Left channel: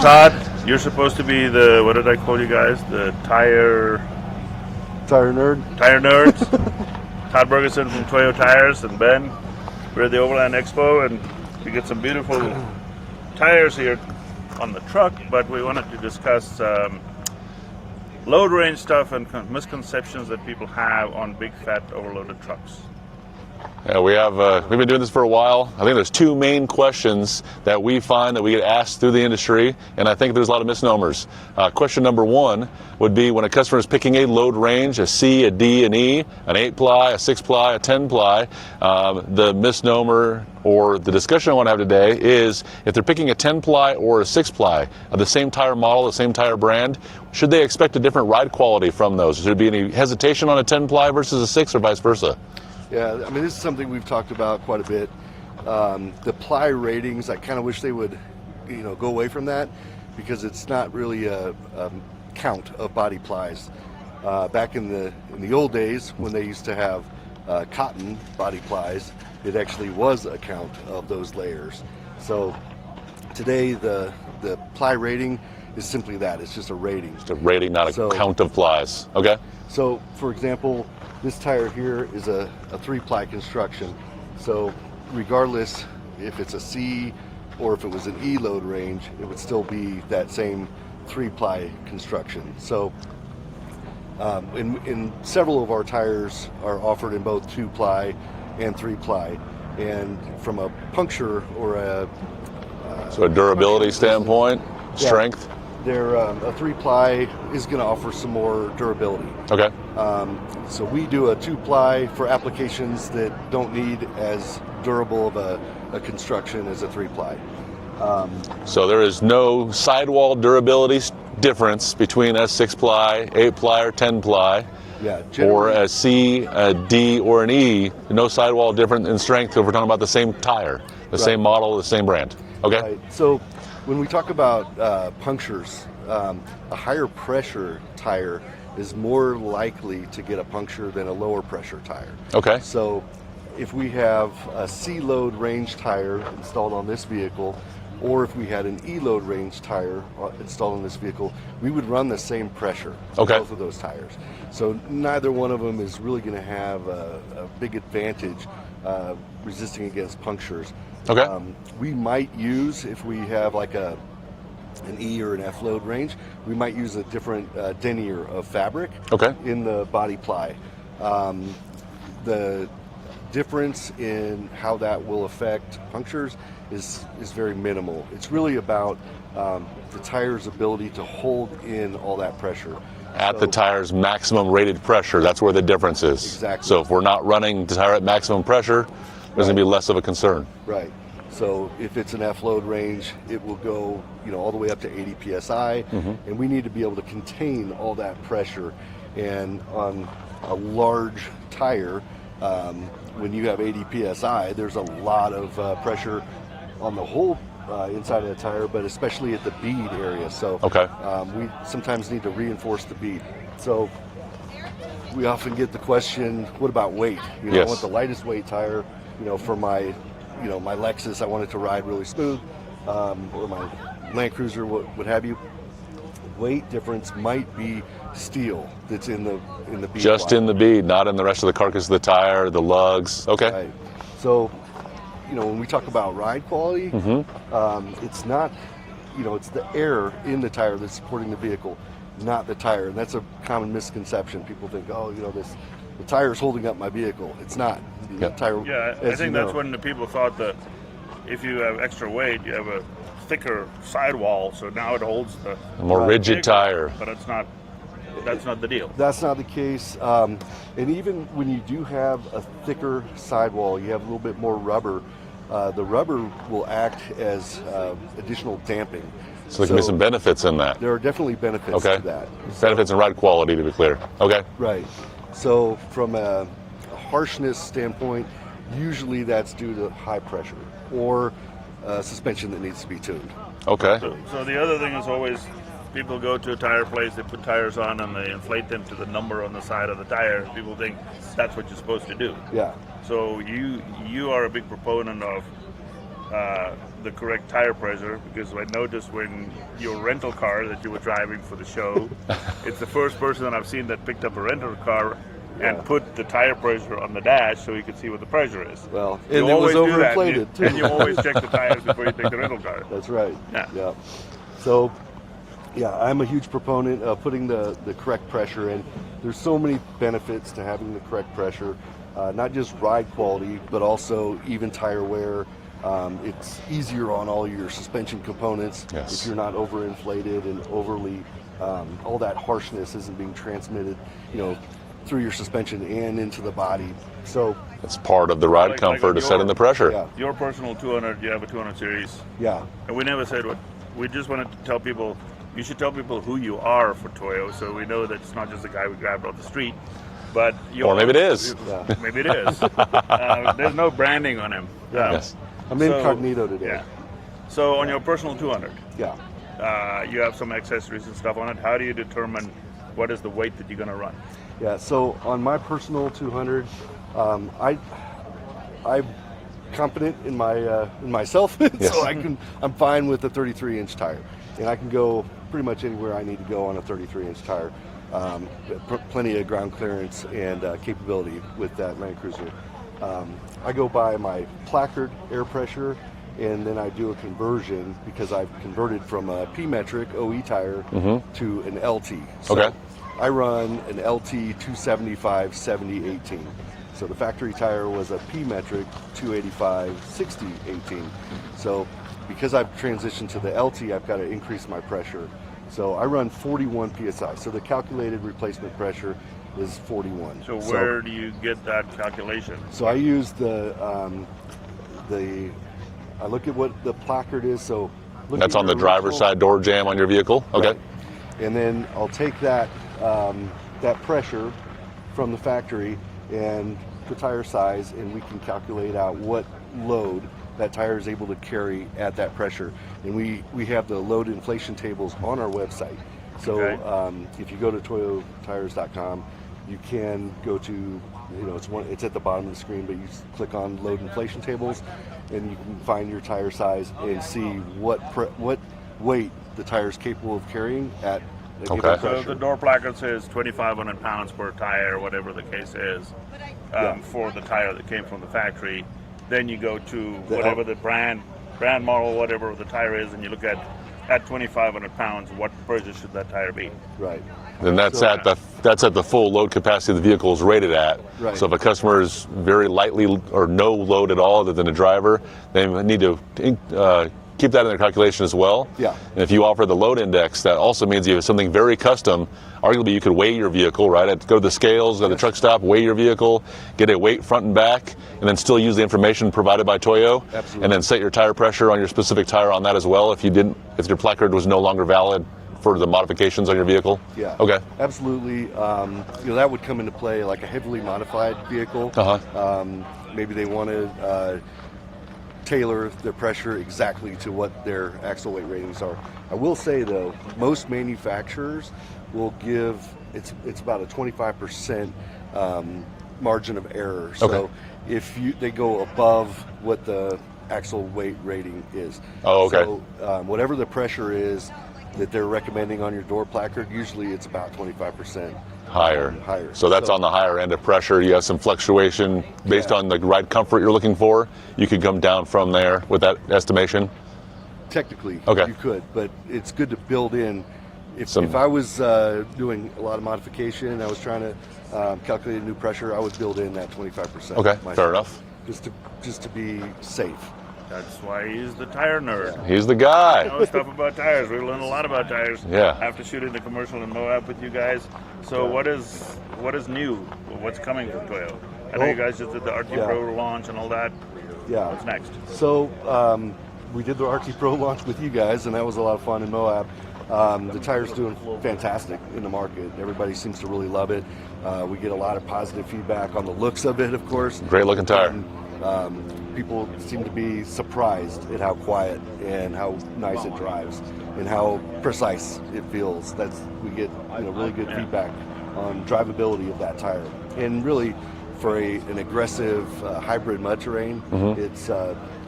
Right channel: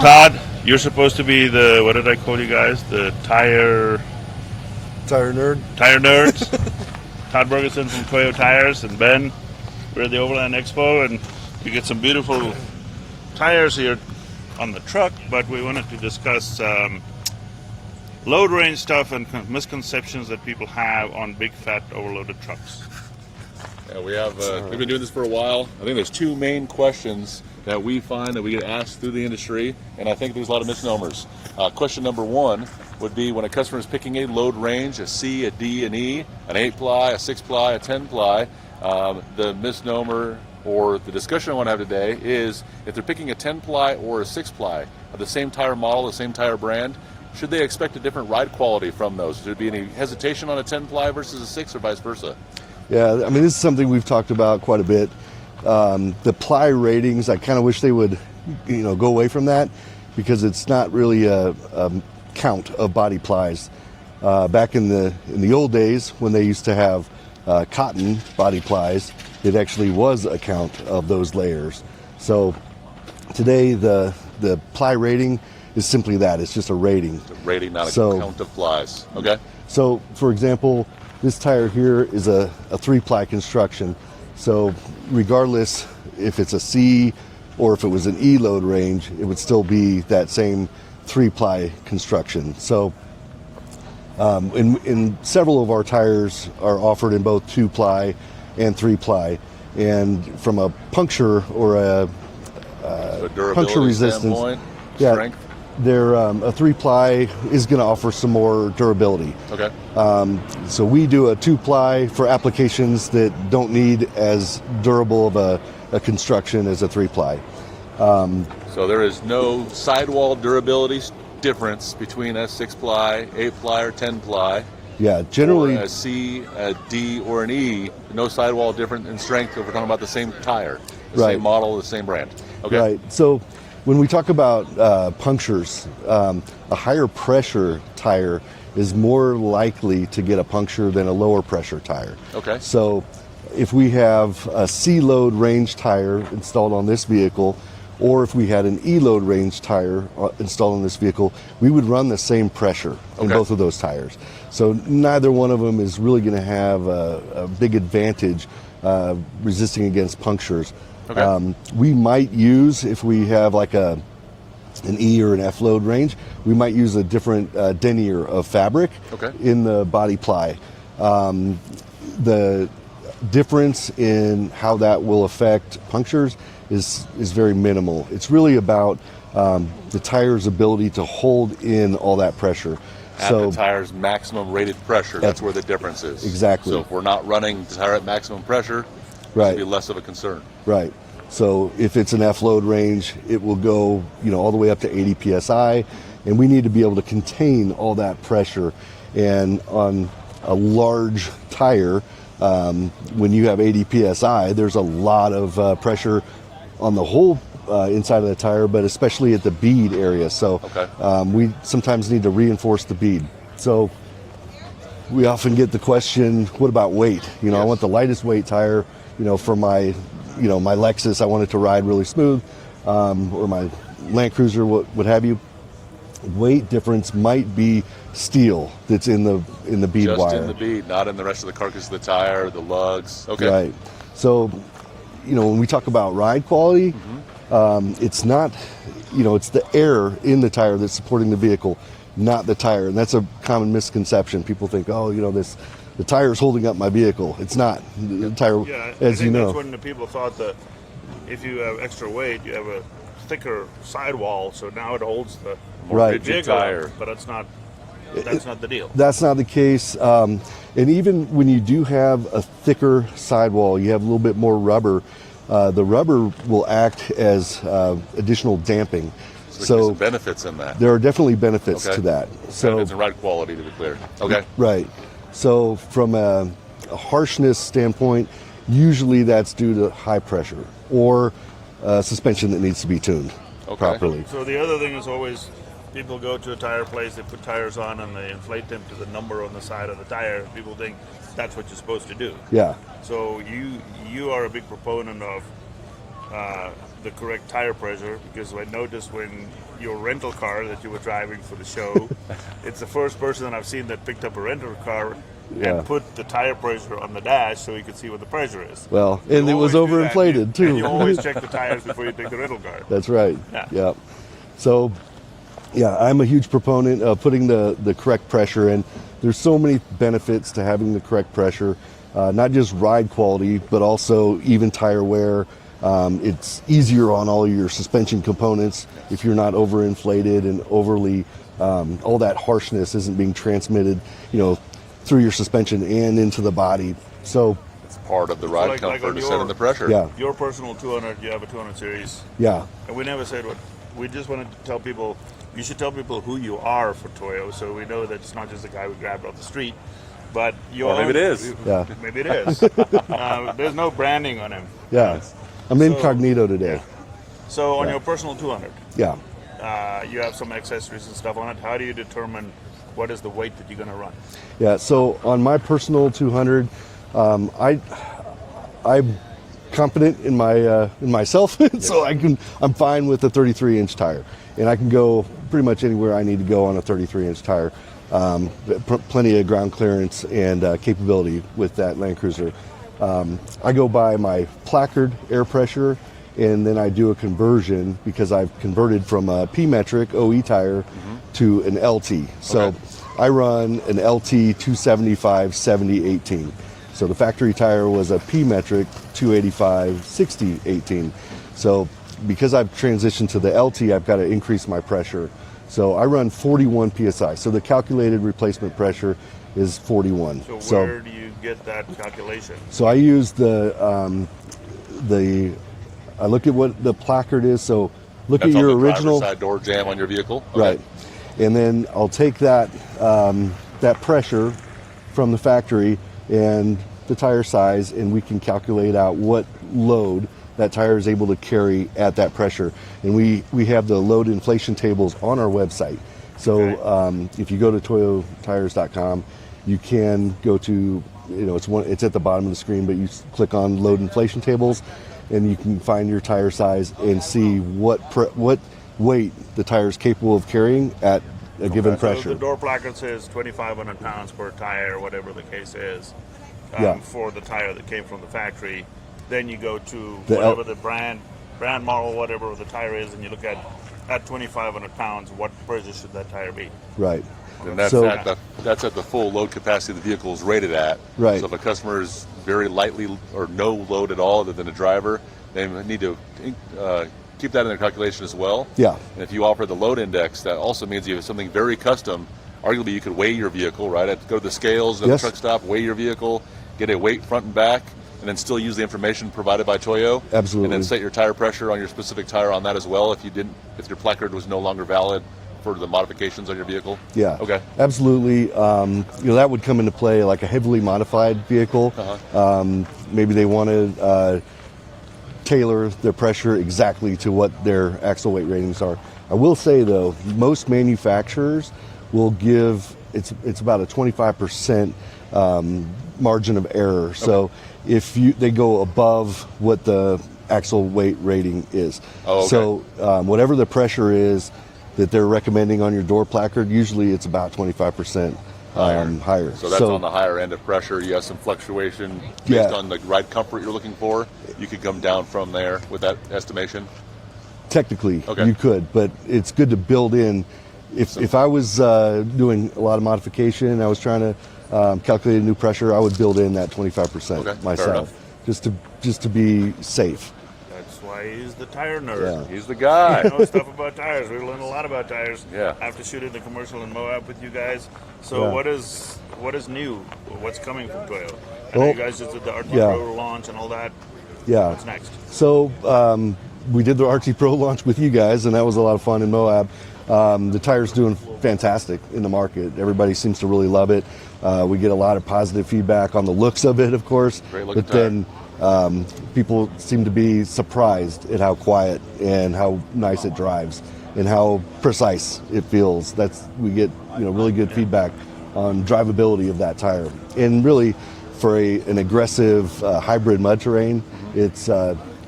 Todd, you're supposed to be the, what did I call you guys? The tire nerd. Tire nerds. Todd Bergeson from Toyo Tires, and Ben. We're at the Overland Expo, and you get some beautiful tires here on the truck, but we wanted to discuss load range stuff and misconceptions that people have on big fat overloaded trucks. Yeah, we've been doing this for a while. I think there's two main questions that we find that we get asked through the industry, and I think there's a lot of misnomers. Question number one would be when a customer is picking a load range, a C, a D, an E, an 8-ply, a 6-ply, a 10-ply, the misnomer or the discussion I want to have today is if they're picking a 10-ply or a 6-ply of the same tire model, the same tire brand, should they expect a different ride quality from those? Should there be any hesitation on a 10-ply versus a 6 or vice versa? Yeah, I mean, this is something we've talked about quite a bit. The ply ratings, I kind of wish they would, go away from that because it's not really a count of body plies. Back in the old days when they used to have cotton body plies, it actually was a count of those layers. So today the ply rating is simply that. It's just a rating. It's a rating, not a count of plies. Okay. So, for example, this tire here is a 3-ply construction. So regardless if it's a C or if it was an E load range, it would still be that same 3-ply construction. So in several of our tires are offered in both 2-ply and 3-ply. And from a puncture or a durability standpoint, strength? A 3-ply is going to offer some more durability. Okay. So we do a 2-ply for applications that don't need as durable of a construction as a 3-ply. So there is no sidewall durability difference between a 6-ply, 8-ply, or 10-ply. Yeah, generally. Or a C, a D, or an E. No sidewall different in strength if we're talking about the same tire, the same model, the same brand. Okay. Right. So when we talk about punctures, a higher pressure tire is more likely to get a puncture than a lower pressure tire. Okay. So if we have a C load range tire installed on this vehicle, or if we had an E load range tire installed on this vehicle, we would run the same pressure on both of those tires. So neither one of them is really going to have a big advantage resisting against punctures. Okay. We might use, if we have like an E or an F load range, we might use a different denier of fabric in the body ply. The difference in how that will affect punctures is very minimal. It's really about the tire's ability to hold in all that pressure. At the tire's maximum rated pressure, that's where the difference is. Exactly. So if we're not running the tire at maximum pressure, there's going to be less of a concern. Right. So if it's an F load range, it will go, all the way up to 80 psi, and we need to be able to contain all that pressure. And on a large tire, when you have 80 psi, there's a lot of pressure on the whole inside of the tire, but especially at the bead area. So we sometimes need to reinforce the bead. So we often get the question, what about weight? I want the lightest weight tire, for my my Lexus, I want it to ride really smooth, or my Land Cruiser, what have you. Weight difference might be steel that's in the bead Just wire. in the bead, not in the rest of the carcass of the tire, the lugs. Okay. Right. So, when we talk about ride quality, it's not, it's the air in the tire that's supporting the vehicle, not the tire. And that's a common misconception. People think, the tire is holding up my vehicle. It's not. The tire, I think that's when the people thought that if you have extra weight, you have a thicker sidewall, so now it holds the more rigid tire. But that's not the deal. That's not the case. And even when you do have a thicker sidewall, you have a little bit more rubber. The rubber will act as additional damping. So there can be some benefits in that. There are definitely benefits to that. Benefits in ride quality, to be clear. Okay. Right. So from a harshness standpoint, usually that's due to high pressure or suspension that needs to be tuned properly. So the other thing is always people go to a tire place, they put tires on and they inflate them to the number on the side of the tire. People think that's what you're supposed to do. Yeah. So you are a big proponent of the correct tire pressure, because I noticed when your rental car that you were driving for the show, it's the first person that I've seen that picked up a rental car and put the tire pressure on the dash so you could see what the pressure is. Well, and You it was always do that, overinflated too. And you always check the tires before you pick a rental car. That's right. Yeah. So, yeah, I'm a huge proponent of putting the correct pressure in. There's so many benefits to having the correct pressure, not just ride quality, but also even tire wear. It's easier on all your suspension components if you're not overinflated and overly, all that harshness isn't being transmitted, through your suspension and into the body. So it's part of the ride comfort is setting the pressure. Yeah. Your personal 200, you have a 200 series. Yeah. And we never said what. We just wanted to tell people, you should tell people who you are for Toyo, so we know that it's not just the guy we grabbed off the street, but you. Or maybe it is. Yeah. Maybe it is. There's no branding on him. Yeah. Yes. I'm incognito today. Yeah. So on your personal 200, Yeah. you have some accessories and stuff on it. How do you determine what is the weight that you're going to run? Yeah, so on my personal 200, I'm confident in myself, so I'm fine with a 33-inch tire, and I can go pretty much anywhere I need to go on a 33-inch tire. Plenty of ground clearance and capability with that Land Cruiser. I go by my placard air pressure, and then I do a conversion because I've converted from a P-metric OE tire to an LT. So I run an LT 275 70 18. So the factory tire was a P-metric 285 60 18. So because I've transitioned to the LT, I've got to increase my pressure. So I run 41 PSI. So the calculated replacement pressure is 41. So where do you get that calculation? So I use I look at what the placard is. So look That's at your on the original driver's side door jam on your vehicle. Okay. Right. And then I'll take that pressure from the factory and the tire size, and we can calculate out what load that tire is able to carry at that pressure. And we have the load inflation tables on our website. So if you go to toyotires.com, you can go to, it's at the bottom of the screen, but you click on load inflation tables, and you can find your tire size and see what weight the tire is capable of carrying at a given pressure. So the door placard says 2,500 pounds per tire, whatever the case is, for the tire that came from the factory. Then you go to whatever the brand model, whatever the tire is, and you look at 2,500 pounds, what pressure should that tire be? Right. And that's at the full load capacity the vehicle is rated at. Right. So if a customer is very lightly or no load at all other than a driver, they need to keep that in their calculation as well. Yeah. And if you offer the load index, that also means you have something very custom. Arguably, you could weigh your vehicle, right? Go to the scales at the truck stop, weigh your vehicle, get a weight front and back, and then still use the information provided by Toyo. Absolutely. And then set your tire pressure on your specific tire on that as well if your placard was no longer valid for the modifications on your vehicle? Yeah. Okay. Absolutely. That would come into play like a heavily modified vehicle. Maybe they want to tailor their pressure exactly to what their axle weight ratings are. I will say though, most manufacturers will give it's about a 25% margin of error. So if they go above what the axle weight rating is. So whatever the pressure is that they're recommending on your door placard, usually it's about 25% higher. So that's on the higher end of pressure. You have some fluctuation based on the ride comfort you're looking for. You could come down from there with that estimation. Technically, you could, but it's good to build in. If I was doing a lot of modification and I was trying to calculate a new pressure, I would build in that 25% myself, just to be safe. That's why he's the tire nerd. Yeah. He's the guy. He knows stuff about tires. We learned a lot about tires. Yeah. After shooting the commercial in Moab with you guys. So what is new? What's coming from Toyo? I know you guys just did the RT Pro launch and all that. Yeah. What's next? So we did the RT Pro launch with you guys, and that was a lot of fun in Moab. The tire's doing fantastic in the market. Everybody seems to really love it. We get a lot of positive feedback on the looks of it, of course. Great looking tire. People seem to be surprised at how quiet and how nice it drives and how precise it feels. We get really good feedback on drivability of that tire. And really, for an aggressive hybrid mud terrain, it's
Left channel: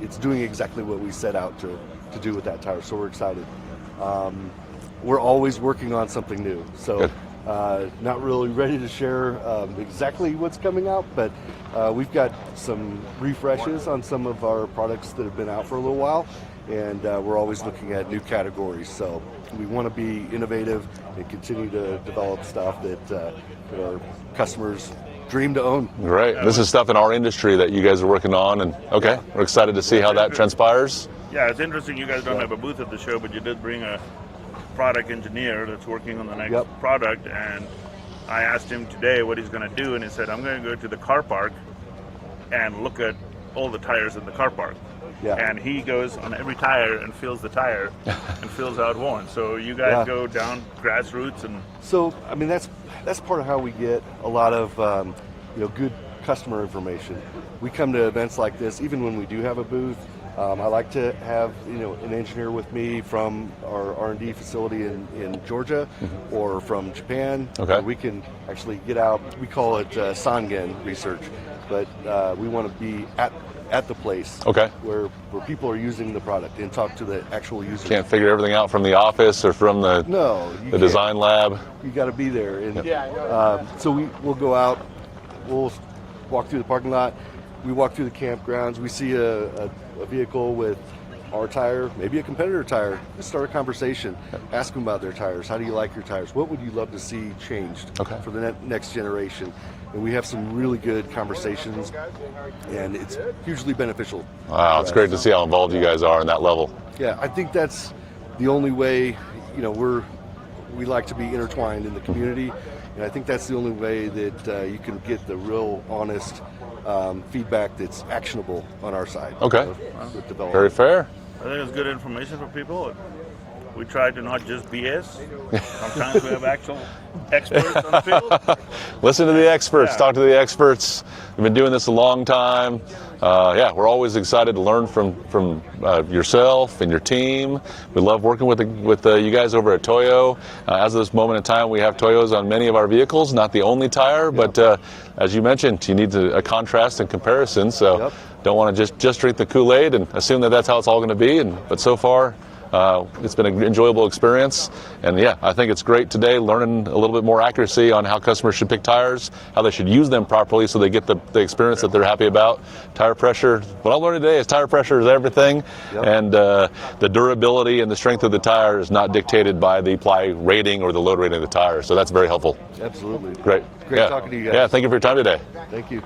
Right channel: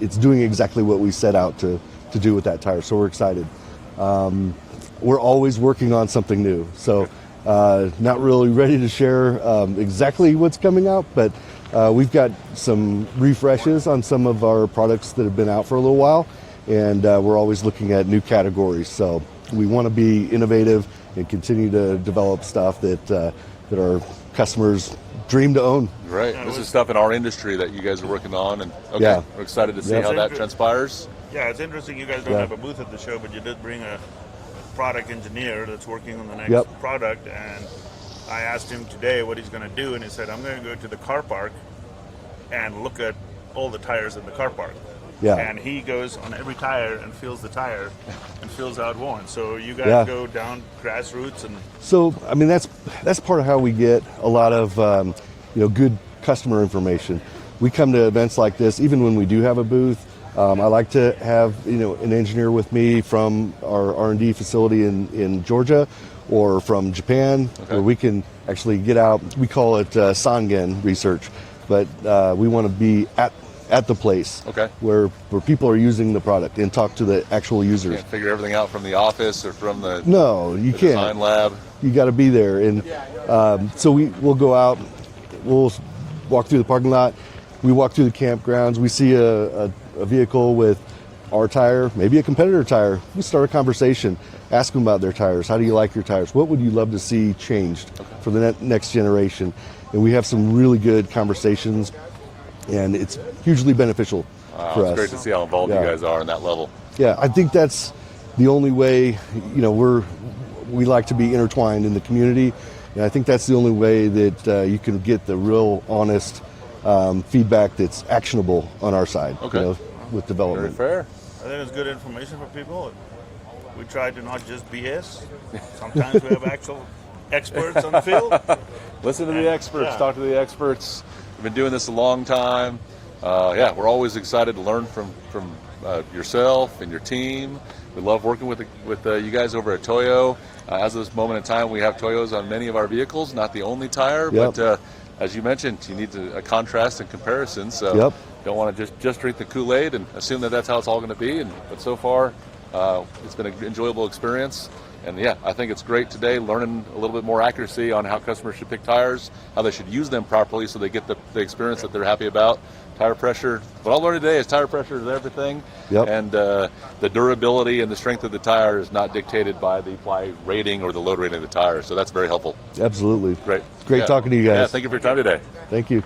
it's doing exactly what we set out to do with that tire. So we're excited. We're always working on something new. So not really ready to share exactly what's coming out, but we've got some refreshes on some of our products that have been out for a little while, and we're always looking at new categories. So we want to be innovative and continue to develop stuff that our customers dream to own. Right. This is stuff in our industry that you guys are working on, and we're excited to see Yeah. how that transpires. Yeah, it's interesting you guys don't have a booth at the show, but you did bring a product engineer that's working on the next product, and I asked him today what he's going to do, and he said, I'm going to go to the car park and look at all the tires in the car park. Yeah. And he goes on every tire and feels the tire and feels how it wants. So you guys go down grassroots and... So, I mean, that's part of how we get a lot of, good customer information. We come to events like this, even when we do have a booth. I like to have, an engineer with me from our R&D facility in Georgia or from Japan, where we can actually get out. We call it Sangen research, but we want to be at the place where people are using the product and talk to the actual users. Can't figure everything out from the office or from the you design lab. You got to be there, and so we'll go out, we'll walk through the parking lot, we walk through the campgrounds, we see a vehicle with our tire, maybe a competitor tire. We start a conversation, ask them about their tires. How do you like your tires? What would you love to see changed for the next generation? And we have some really good conversations, and it's hugely beneficial. Wow, it's great to see how involved you guys are on that level. Yeah, I think that's the only way, we like to be intertwined in the community, and I think that's the only way that you can get the real honest feedback that's actionable on our side. With development. Very fair. I think it's good information for people. We try to not just BS. Sometimes we have actual experts on the field. Listen to the experts. Talk to the experts. We've been doing this a long time. We're always excited to learn from yourself and your team. We love working with you guys over at Toyo. As of this moment in time, we have Toyos on many of our vehicles, not the only tire, but as you mentioned, you need a contrast and comparison. So don't want to just drink the Kool-Aid and assume that that's how it's all going to be. But so far, it's been an enjoyable experience, and I think it's great today learning a little bit more accuracy on how customers should pick tires, how they should use them properly so they get the experience that they're happy about. Tire pressure, what I learned today is tire pressure is everything, and the durability and the strength of the tire is not dictated by the ply rating or the load rating of the tire, so that's very helpful. Absolutely. Great Talking to you guys. Yeah, thank you for your time today. Thank you.